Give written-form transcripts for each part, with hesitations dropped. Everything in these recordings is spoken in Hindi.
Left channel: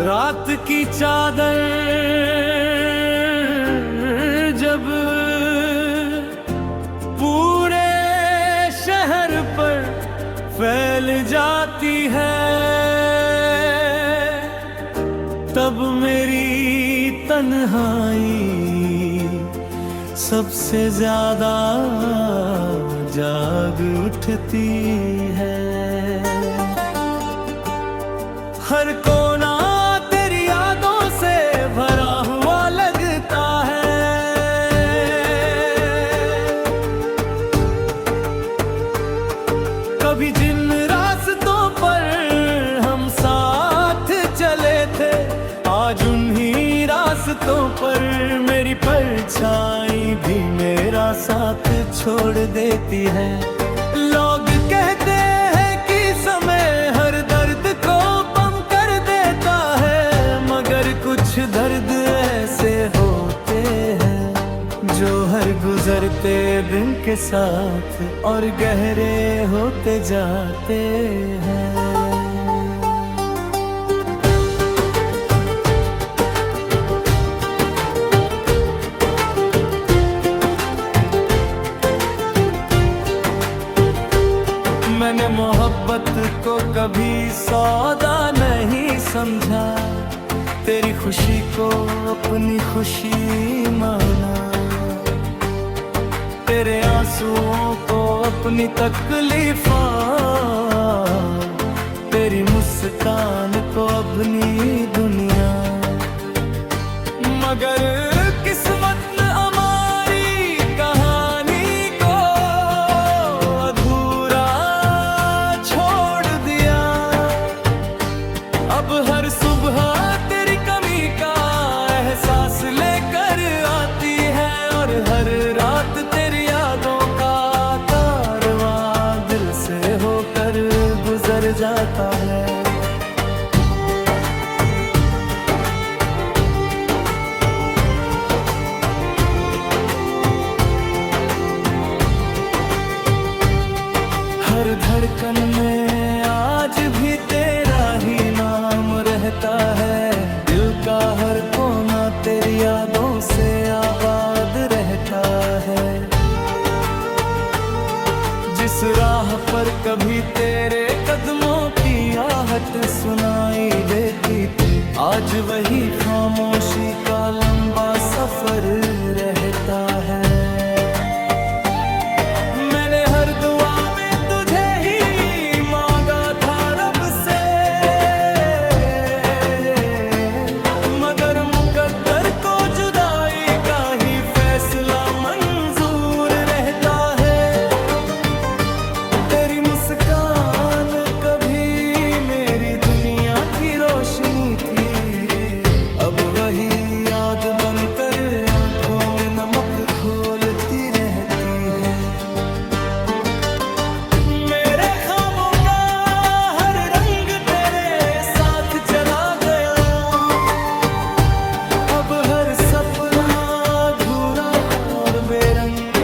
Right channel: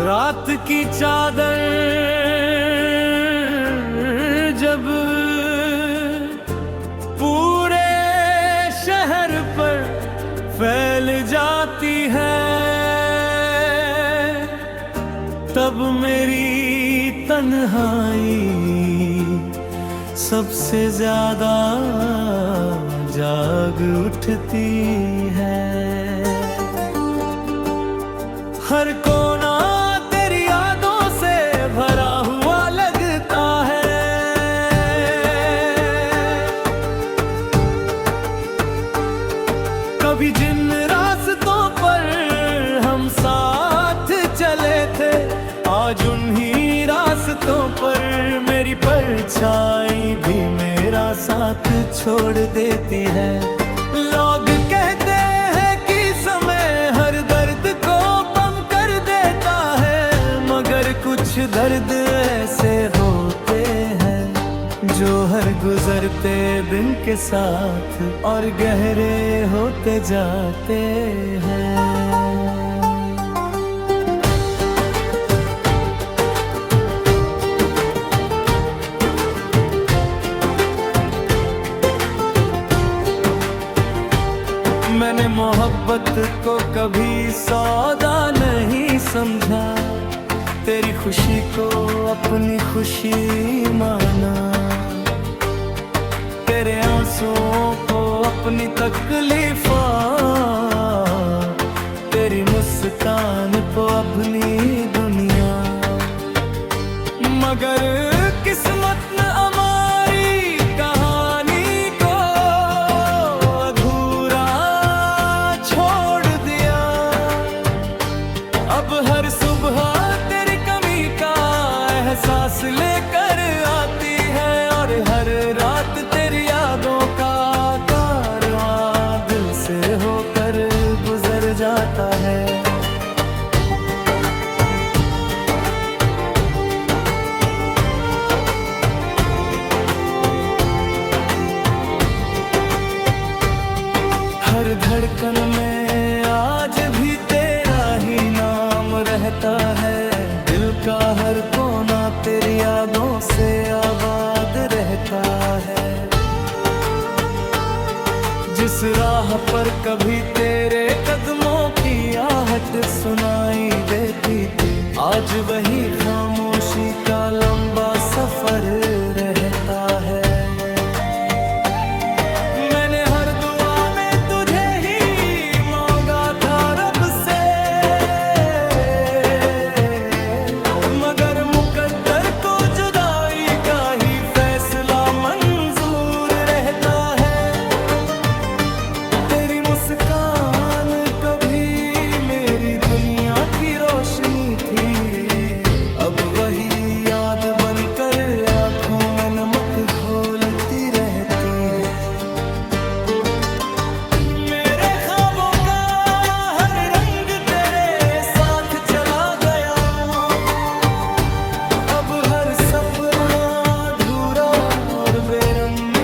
रात की चादर जब पूरे शहर पर फैल जाती है, तब मेरी तन्हाई सबसे ज्यादा जाग उठती है। हर कोना तेरी यादों से भरा हुआ लगता है। कभी जिन रास्तों पर हम साथ चले थे, आज उन्हीं रास्तों पर मेरी परछाई भी मेरा साथ छोड़ देती है। लोग कहते हैं कि समय हर दर्द को कम कर देता है, मगर कुछ दर्द ऐसे होते हैं जो हर गुजरते दिन के साथ और गहरे होते जाते हैं। मैंने मोहब्बत को कभी सौदा नहीं समझा, तेरी खुशी को अपनी खुशी माना, तेरे आंसुओं को अपनी तकलीफा, तेरी मुस्कान को अपनी दुनिया। मगर किस्मत ने हमारी कहानी को अधूरा छोड़ दिया। अब हर सुबह तेरी कमी का एहसास लेकर आती है, और हर रात तेरी यादों का कारवां दिल से होकर गुजर जाता है। हर धड़कन में आज भी तेरा ही नाम रहता है, दिल का हर कोना तेरी यादों से आबाद रहता है। जिस राह पर कभी तेरे कदमों की आहट सुनाई देती थी, आज वही खामोशी का लंबा सफर रहता है। मैंने हर दुआ में तुझे ही मांगा था रब से, मगर मुकद्दर को जुदाई का ही फैसला मंजूर रहता है। तेरी मुस्कान कभी मेरी दुनिया की रोशनी थी, अब वही याद बनकर आंखों में नमक घोलती रहती है। मेरे ख्वाबों का हर रंग तेरे साथ चला गया, अब हर सपना अधूरा और बेरंग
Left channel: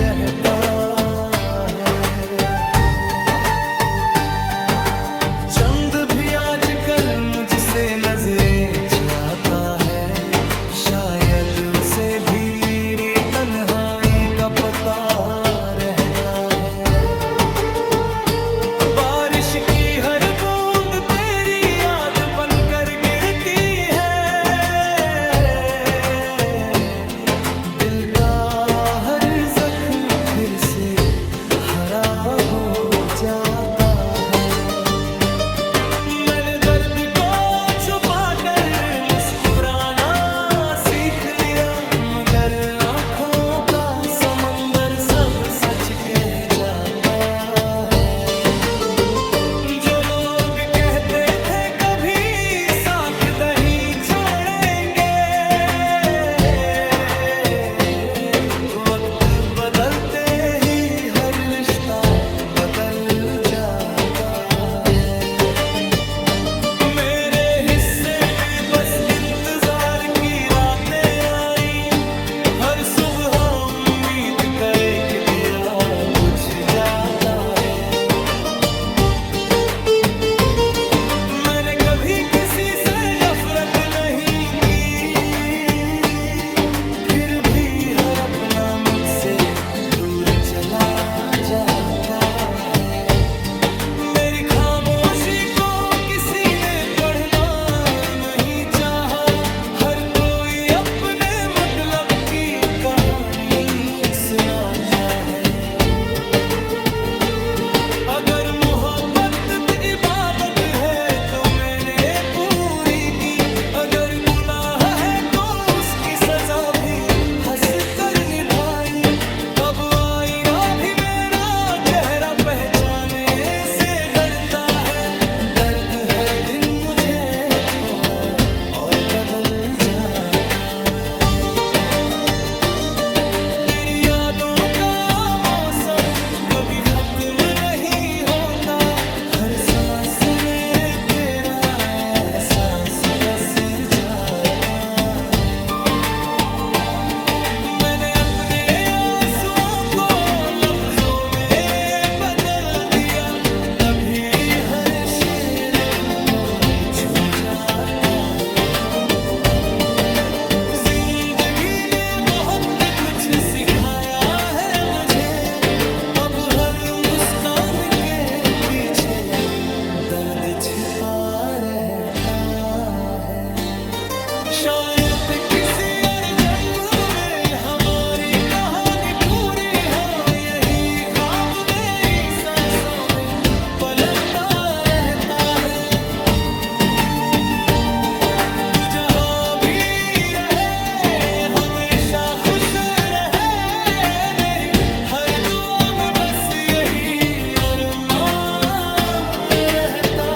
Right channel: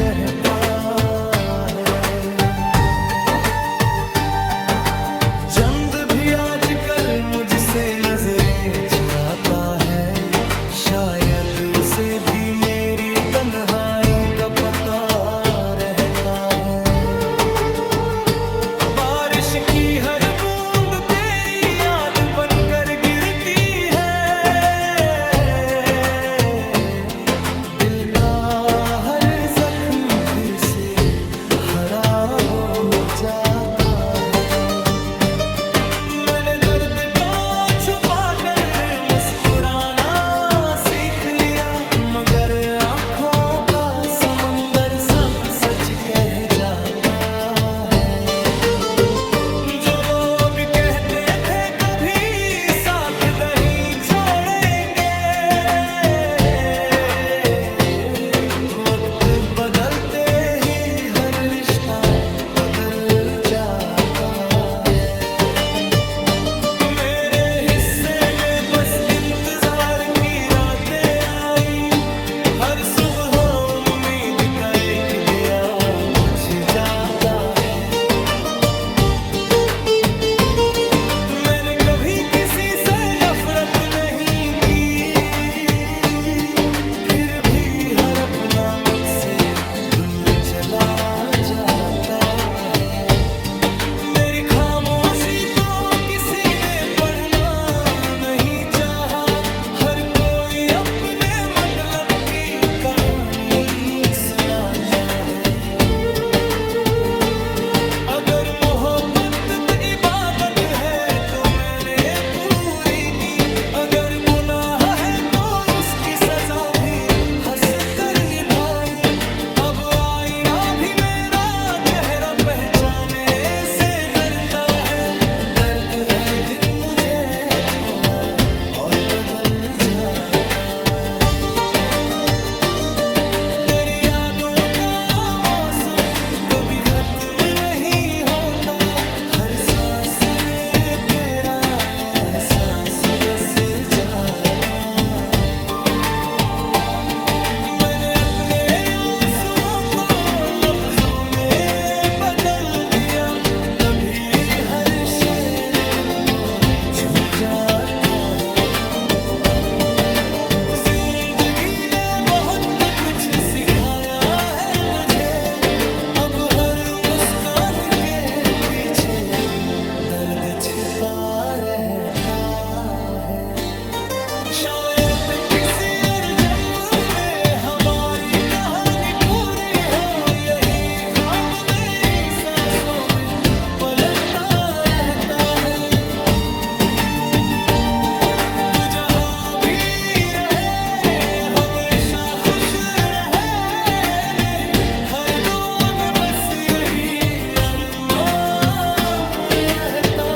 रहता है। चंद भी आजकल मुझसे नजरें चुराता है, शायद उसे भी मेरी तन्हाई का पता रहता है। बारिश की हर बूंद तेरी याद बनकर गिरती है, दिल का हर जख्म फिर से हरा हो जाता है। मैंने दर्द को छुपा कर मुस्कुराना सीख लिया, मगर आंखों का समंदर सब सच कह जाता है। जो लोग कहते थे कभी साथ नहीं छोड़ेंगे, वक्त बदलते ही हर रिश्ता बदल जाता है। मेरे हिस्से में बस इंतजार की रातें आई, हर सुबह उम्मीद का एक दिया बुझ जाता है। मैंने कभी किसी से नफरत नहीं की, फिर भी हर अपना मुझसे दूर चला जाता है। मेरी खामोशी को किसी ने पढ़ना नहीं चाहा, हर कोई अपने मतलब की कहानी सुनाता है। अगर मोहब्बत इबादत है तो मैंने पूरी की, अगर गुनाह है तो उसकी सजा भी हंस कर निभाई। अब आईना भी मेरा चेहरा पहचाने से डरता है, दर्द हर दिन मुझे थोड़ा और बदल जाता है। तेरी यादों का मौसम कभी खत्म नहीं होता, हर सांस में तेरा एहसास बस जाता है। मैंने अपने आंसुओं को लफ्जों में बदल दिया, तभी हर शेर दिल को छू जाता है। जिंदगी ने बहुत कुछ सिखाया है मुझे, अब हर मुस्कान के पीछे दर्द छिपा रहता है। शायद किसी और जन्म में हमारी कहानी पूरी हो, यही ख्वाब मेरी सांसों में पलता रहता है। तू जहां भी रहे हमेशा खुश रहे, मेरी हर दुआ में बस यही अरमान रहता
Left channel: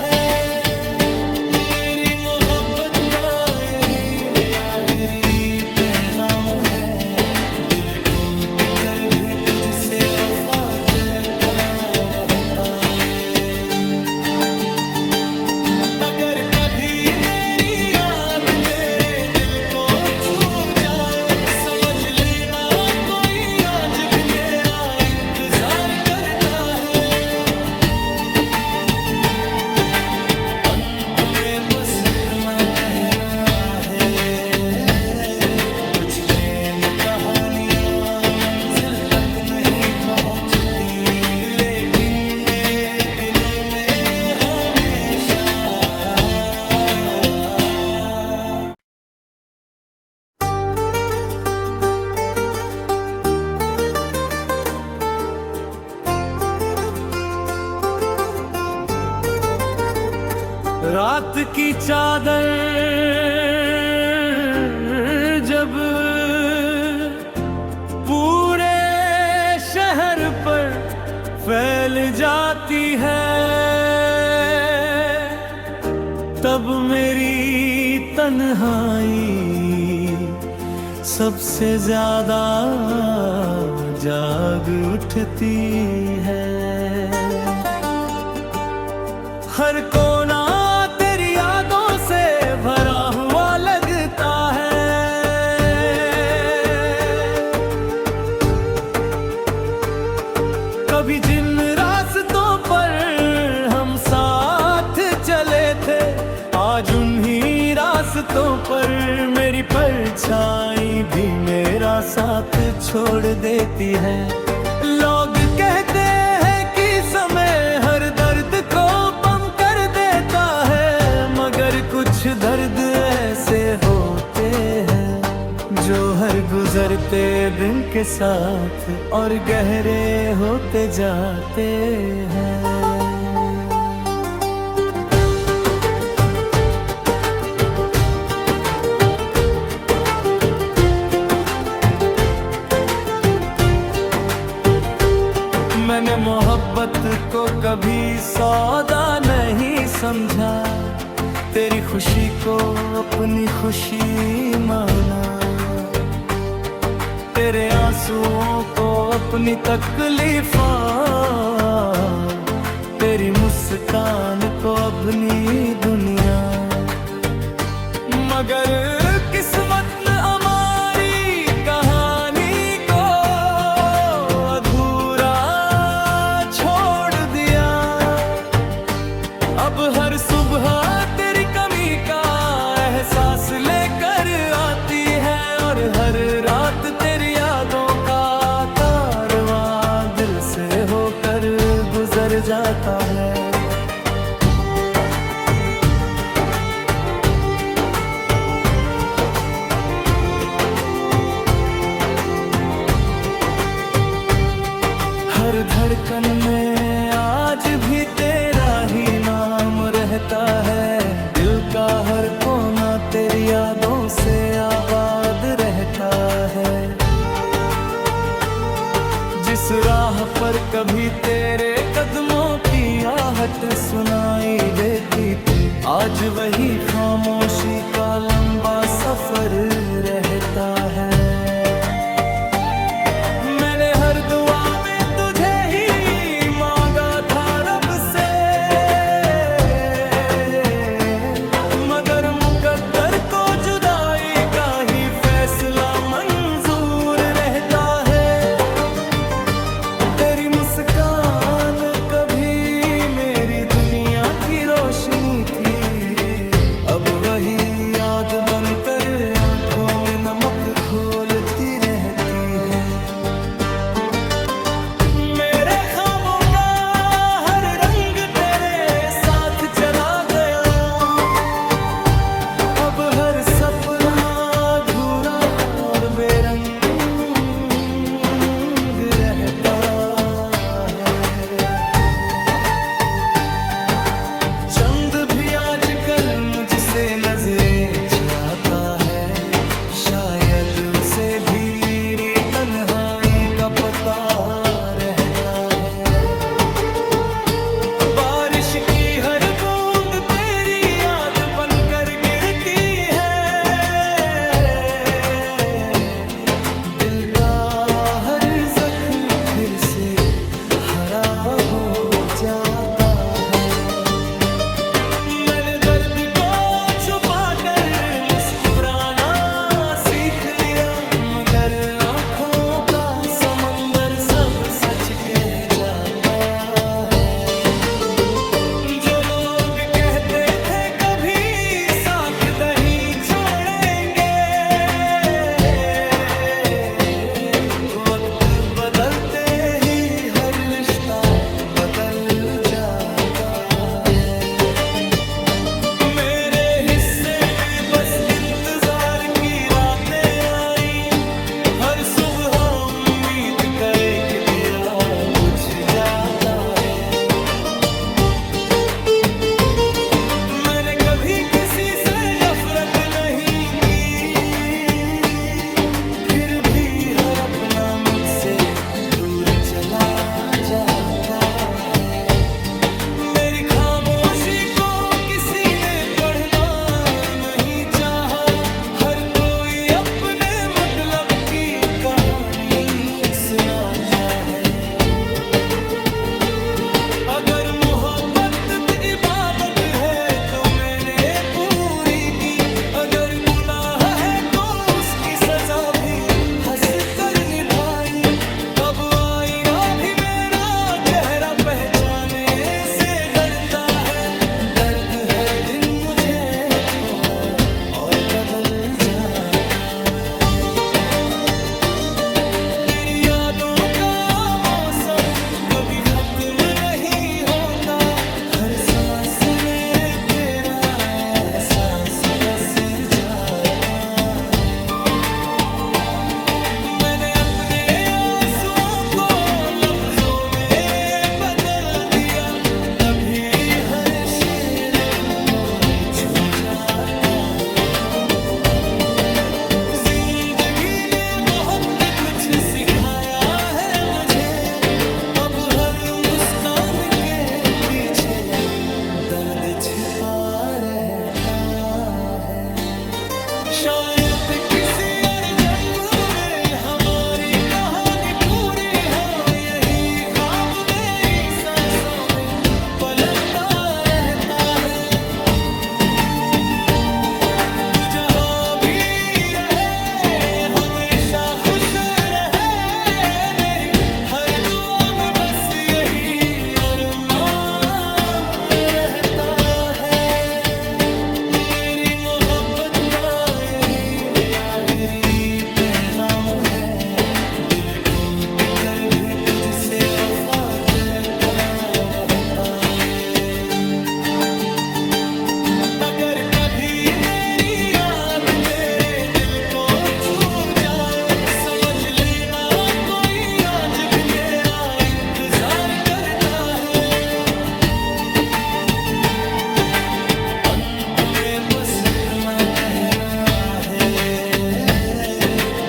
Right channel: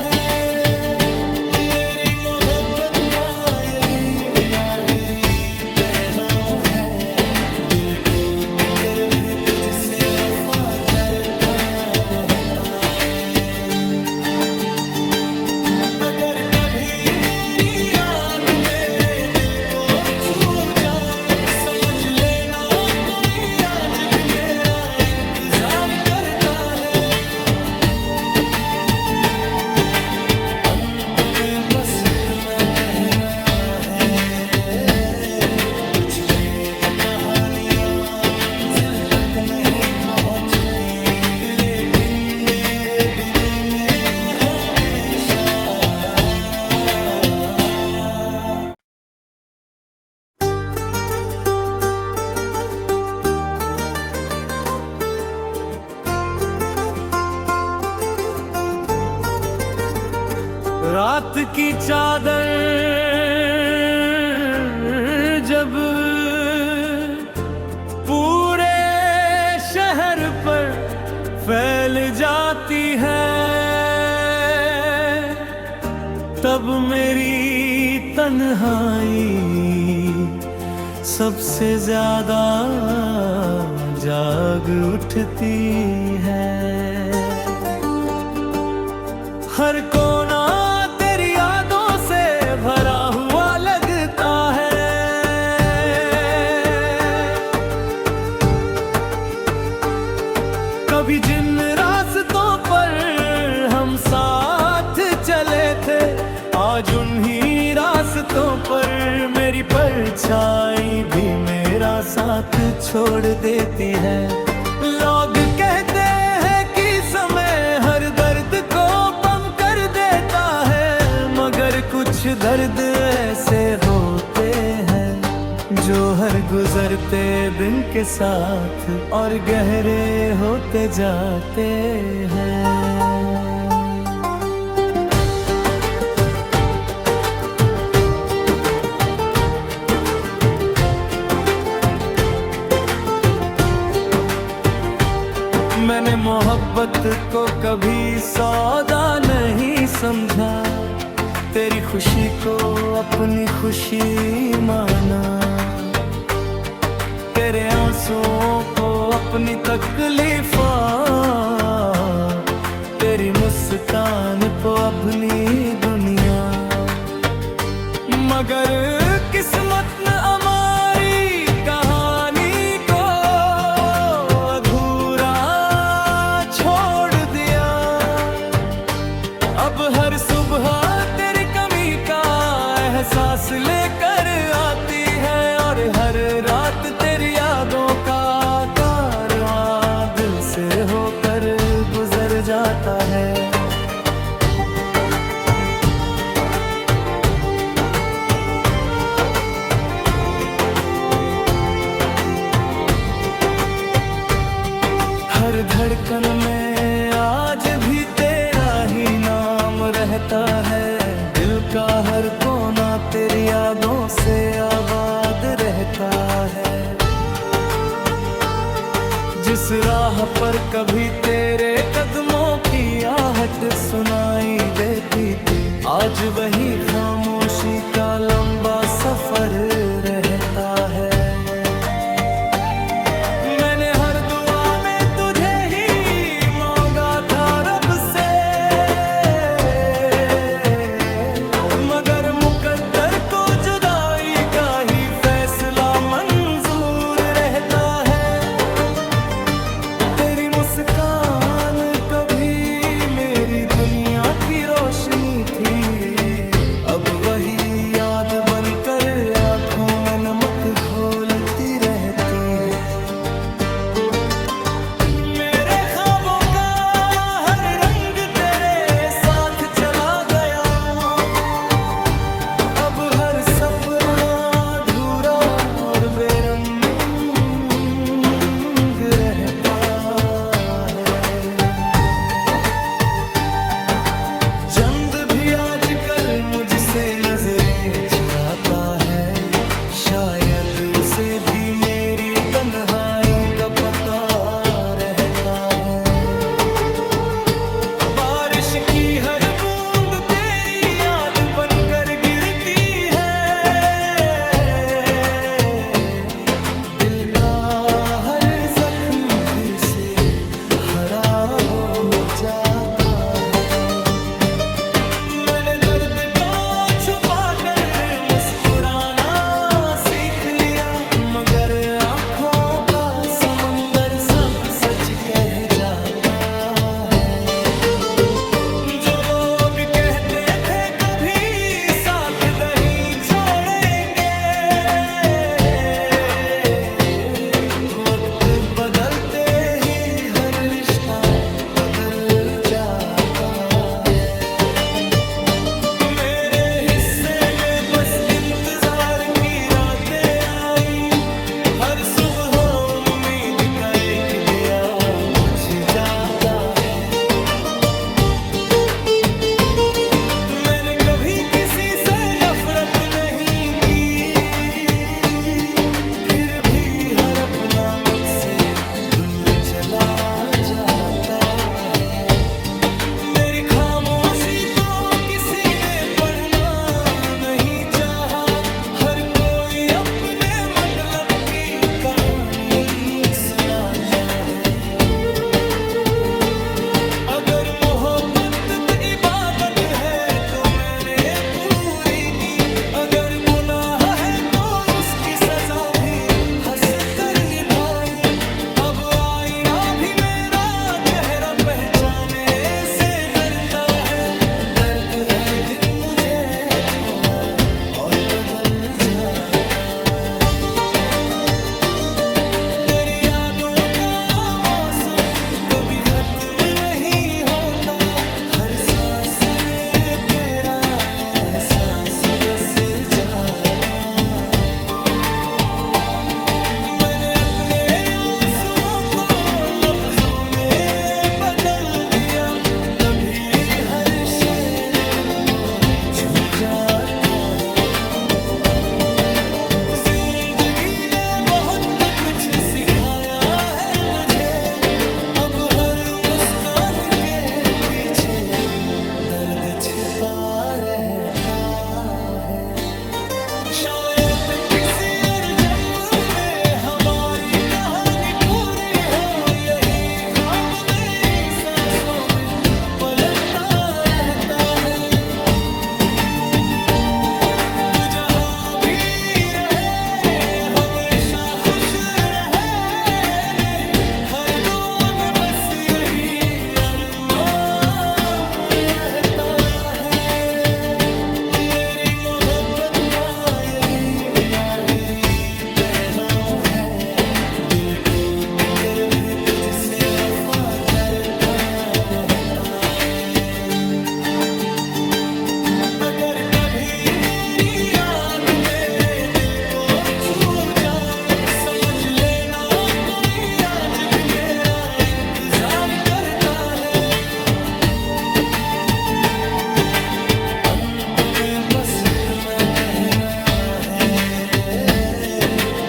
है। मेरी मोहब्बत का यही आखिरी पैगाम है, दिल टूट कर भी तुझसे वफा करता रहता है। अगर कभी मेरी याद तेरे दिल को छू जाए, समझ लेना कोई आज भी तेरा इंतजार करता है। अंत में बस इतना कहना है, कुछ प्रेम कहानियां मंजिल तक नहीं पहुंचती, लेकिन मेरे दिलों में हमेशा रात की चादर जब पूरे शहर पर फैल जाती है, तब मेरी तन्हाई सबसे ज्यादा जाग उठती है। हर कोना तेरी यादों से भरा हुआ लगता है, कभी जिन रास्तों पर हम साथ चले थे, आज उन्हीं रास्तों पर मेरी परछाई भी मेरा साथ छोड़ देती है। लोग कहते हैं कि समय हर दर्द को कम कर देता है, मगर कुछ दर्द ऐसे होते हैं जो हर गुजरते दिन के साथ और गहरे होते जाते हैं। मैंने मोहब्बत को कभी सौदा नहीं समझा, तेरी खुशी को अपनी खुशी माना, तेरे आंसुओं को अपनी तकलीफा, तेरी मुस्कान को अपनी दुनिया। मगर किस्मत ने हमारी कहानी को अधूरा छोड़ दिया। अब हर सुबह एहसास लेकर आती है, और हर रात तेरी यादों का कारवां दिल से होकर गुजर जाता है। हर धड़कन में आज भी तेरा ही नाम रहता है। दिल का हर कोना तेरी यादों से आबाद रहता है। जिस राह पर कभी तेरे कदमों की आहट सुनाई देती थी, आज वही खामोशी का लंबा सफर रहता है। मैंने हर दुआ में तुझे ही मांगा था रब से, मगर मुकद्दर को जुदाई का ही फैसला मंजूर रहता है। तेरी मुस्कान कभी मेरी दुनिया की रोशनी थी, अब वही याद बनकर आंखों में नमक घोलती रहती है। मेरे ख्वाबों का हर रंग तेरे साथ चला गया, अब हर सपना अधूरा और बेरंग रहता है। चंद भी आजकल मुझसे नजरें चुराता है, शायद उसे भी मेरी तन्हाई का पता रहता है। बारिश की हर बूंद तेरी याद बनकर गिरती है, दिल का हर जख्म फिर से हरा हो जाता है। मैंने दर्द को छुपाकर मुस्कुराना सीख लिया, मगर आंखों का समंदर सब सच कह जाता है। जो लोग कहते थे कभी साथ नहीं छोड़ेंगे, वक्त बदलते ही हर रिश्ता बदल जाता है। मेरे हिस्से में बस इंतजार की रातें आई, हर सुबह उम्मीद का एक दिया बुझ जाता है। मैंने कभी किसी से नफरत नहीं की, फिर भी हर अपना मुझसे दूर चला जाता है। मेरी खामोशी को किसी ने पढ़ना नहीं चाहा, हर कोई अपने मतलब की कहानी सुनाता है। अगर मोहब्बत इबादत है तो मैंने पूरी की, अगर गुनाह है तो उसकी सजा भी हंस कर निभाई। अब आईना भी मेरा चेहरा पहचाने से डरता है, दर्द हर दिन मुझे थोड़ा और बदल जाता है। तेरी यादों का मौसम कभी खत्म नहीं होता, हर सांस में तेरा एहसास बस जाता है। मैंने अपने आंसुओं को लफ्जों में बदल दिया, तभी हर शेर दिल को छू जाता है। जिंदगी ने बहुत कुछ सिखाया है मुझे, अब हर मुस्कान के पीछे दर्द छिपा रहता है। शायद किसी और जन्म में हमारी कहानी पूरी हो, यही ख्वाब मेरी सांसों में पलता रहता है। तू जहां भी रहे हमेशा खुश रहे, मेरी हर दुआ में बस यही अरमान रहता है। मेरी मोहब्बत आखिरी पैगाम है, दिल टूट कर भी तुझसे वफा करता रहता है। अगर कभी मेरी याद तेरे दिल को छू जाए, समझ लेना कोई आज भी तेरा इंतजार करता है। अंत में बस इतना कहना है,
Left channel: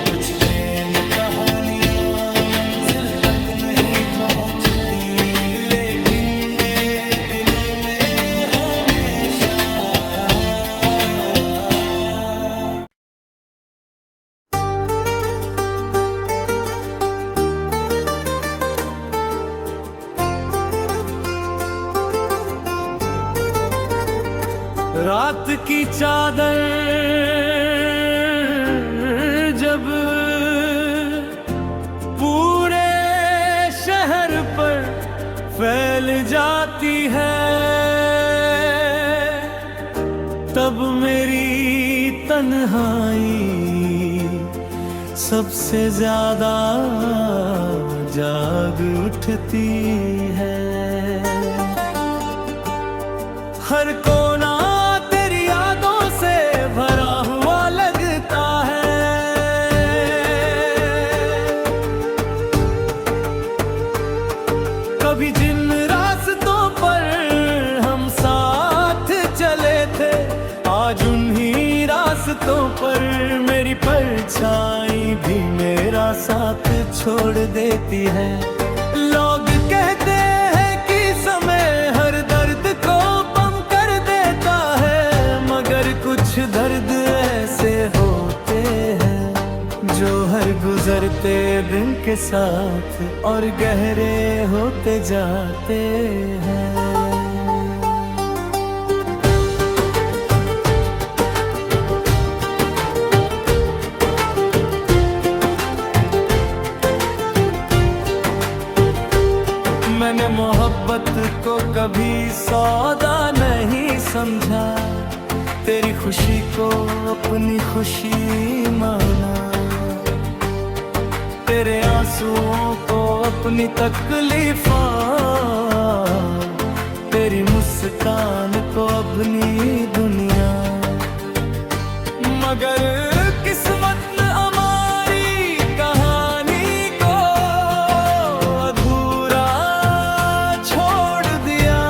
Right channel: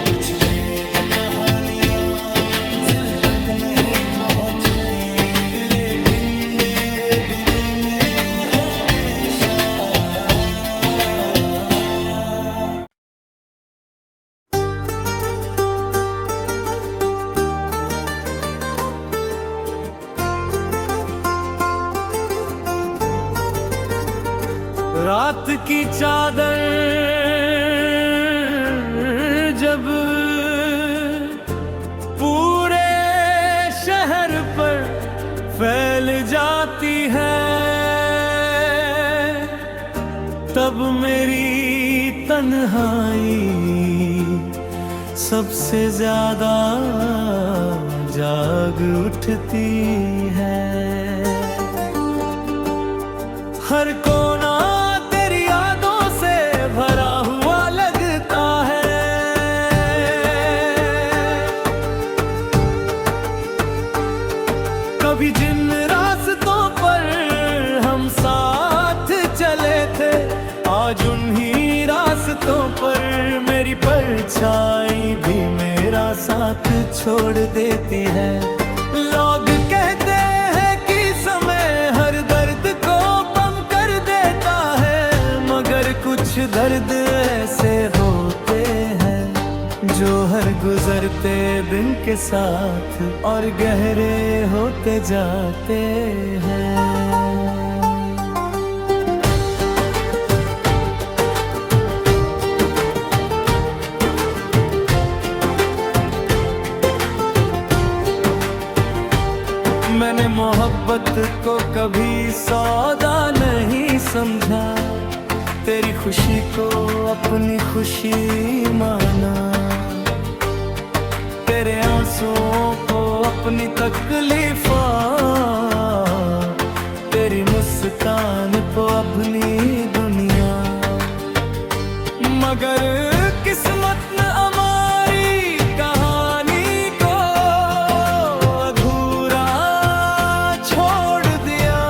कुछ प्रेम कहानियां मंजिल तक नहीं पहुंचती, लेकिन मेरे दिलों में हमेशा। रात की चादर जब पूरे शहर पर फैल जाती है, तब मेरी तन्हाई सबसे ज्यादा जाग उठती है। हर कोना तेरी यादों से भरा हुआ लगता है, कभी जिन रास्तों पर हम साथ चले थे, आज उन्हीं रास्तों पर मेरी परछाई भी मेरा साथ छोड़ देती है। लोग कहते हैं कि समय हर दर्द को कम कर देता है, मगर कुछ दर्द ऐसे होते हैं जो हर गुजरते दिन के साथ और गहरे होते जाते हैं। मैंने मोहब्बत को कभी सौदा नहीं समझा, तेरी खुशी को अपनी खुशी माना, तेरे आंसुओं को अपनी तकलीफा, तेरी मुस्कान को अपनी दुनिया। मगर किस्मत ने हमारी कहानी को अधूरा छोड़ दिया।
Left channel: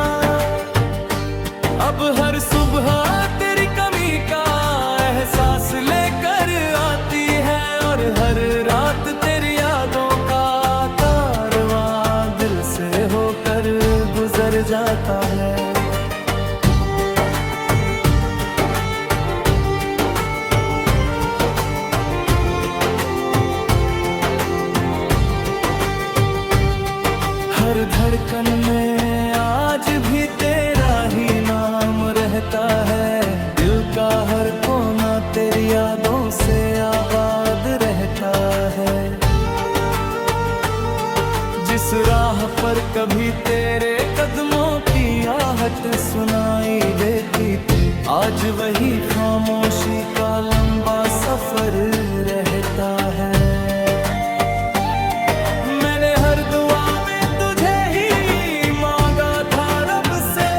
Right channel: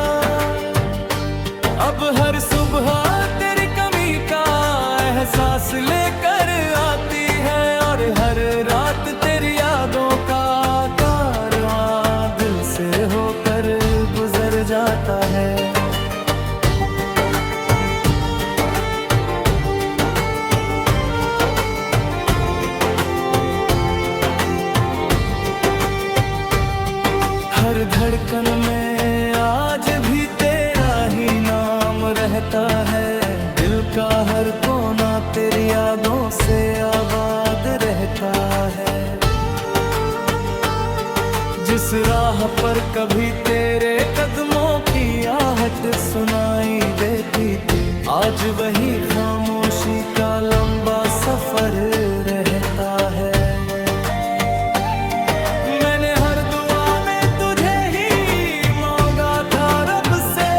अब हर सुबह तेरी कमी का एहसास लेकर आती है, और हर रात तेरी यादों का कारवां दिल से होकर गुजर जाता है। हर धड़कन में आज भी तेरा ही नाम रहता है, दिल का हर कोना तेरी यादों से आबाद रहता है। जिस राह पर कभी तेरे कदमों की आहट सुनाई देती थी, आज वही खामोशी का लंबा सफर रहता है। मैंने हर दुआ में तुझे ही मांगा था रब से,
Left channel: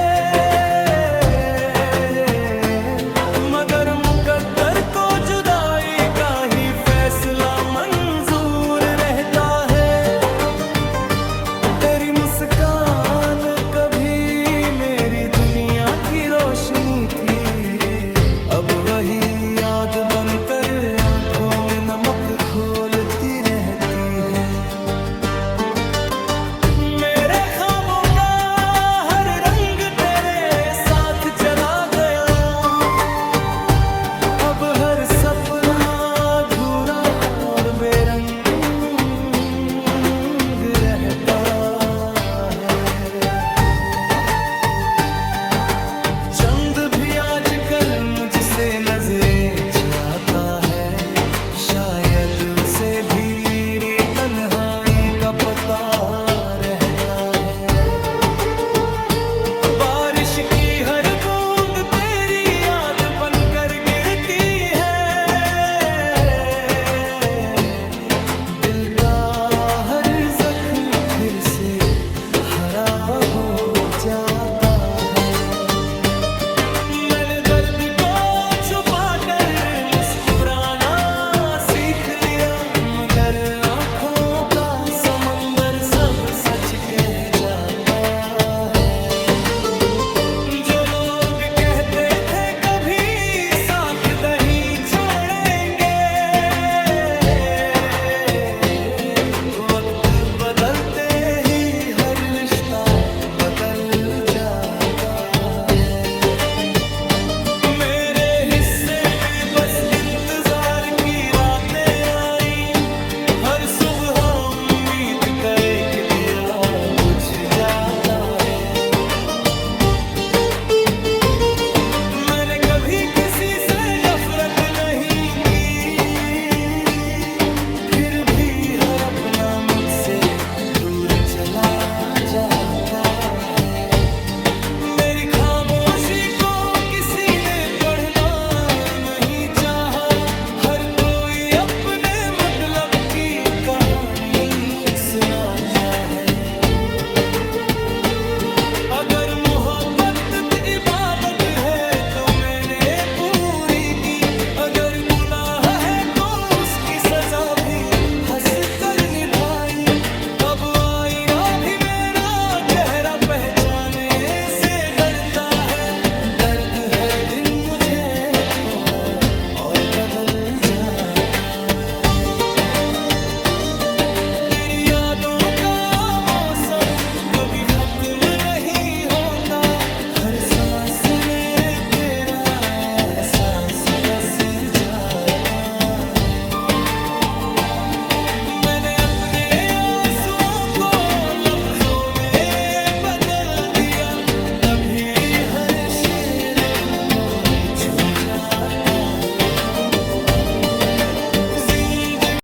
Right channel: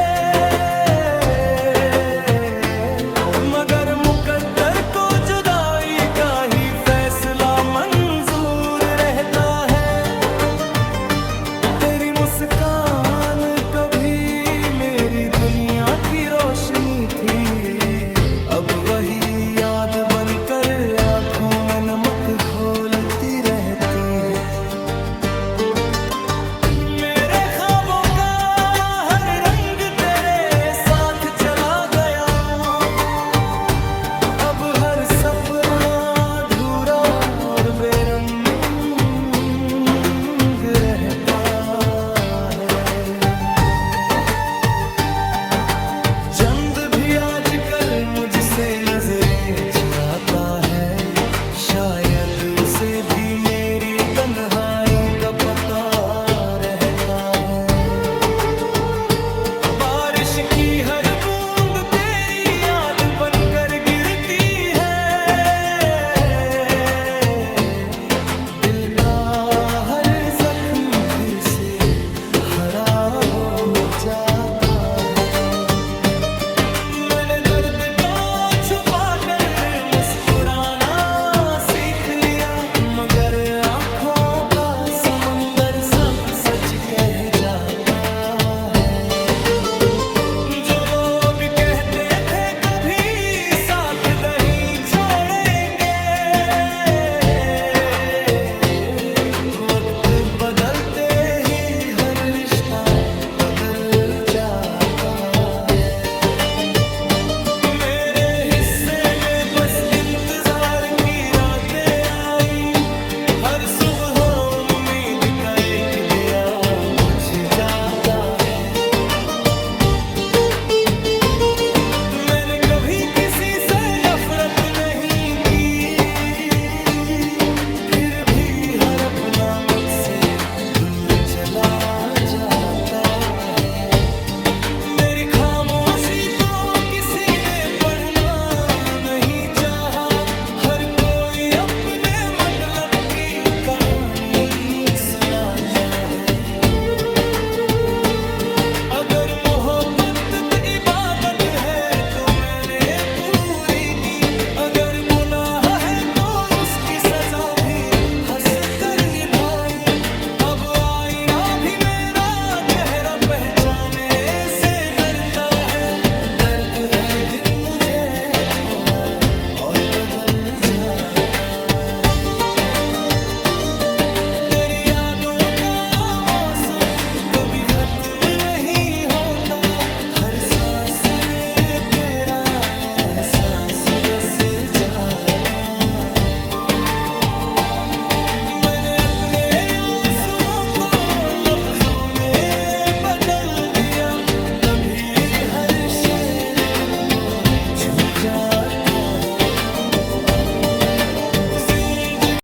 मगर मुकद्दर को जुदाई का ही फैसला मंजूर रहता है। तेरी मुस्कान कभी मेरी दुनिया की रोशनी थी, अब वही याद बनकर आंखों में नमक घोलती रहती है। मेरे ख्वाबों का हर रंग तेरे साथ चला गया, अब हर सपना अधूरा और बेरंग रहता है। चंद भी आजकल मुझसे नजरें चुराता है, शायद उसे भी मेरी तन्हाई का पता रहता है। बारिश की हर बूंद तेरी याद बनकर गिरती है, दिया, मगर आंखों का समंदर सब सच कह जाता है। जो लोग कहते थे कभी साथ नहीं छोड़ेंगे, वक्त बदलते ही हर रिश्ता बदल जाता है। मेरे हिस्से में बस इंतजार की रातें आई, हर सुबह उम्मीद का एक दिया बुझ जाता है। मैंने कभी किसी से नफरत नहीं की, फिर भी हर अपना मुझसे दूर चला जाता है। मेरी खामोशी को किसी ने पढ़ना नहीं चाहा, हर कोई अपने मतलब की कहानी सुनाता है। अगर मोहब्बत इबादत है तो मैंने पूरी की, अगर गुनाह है तो उसकी सजा भी हंस कर निभाई। अब आईना भी मेरा चेहरा पहचाने से डरता है, दर्द हर दिन मुझे थोड़ा और बदल जाता है। तेरी यादों का मौसम कभी खत्म नहीं होता, हर सांस में तेरा एहसास बस जाता है। मैंने अपने आंसुओं को लफ्जों में बदल दिया, तभी हर शेर दिल को छू जाता है।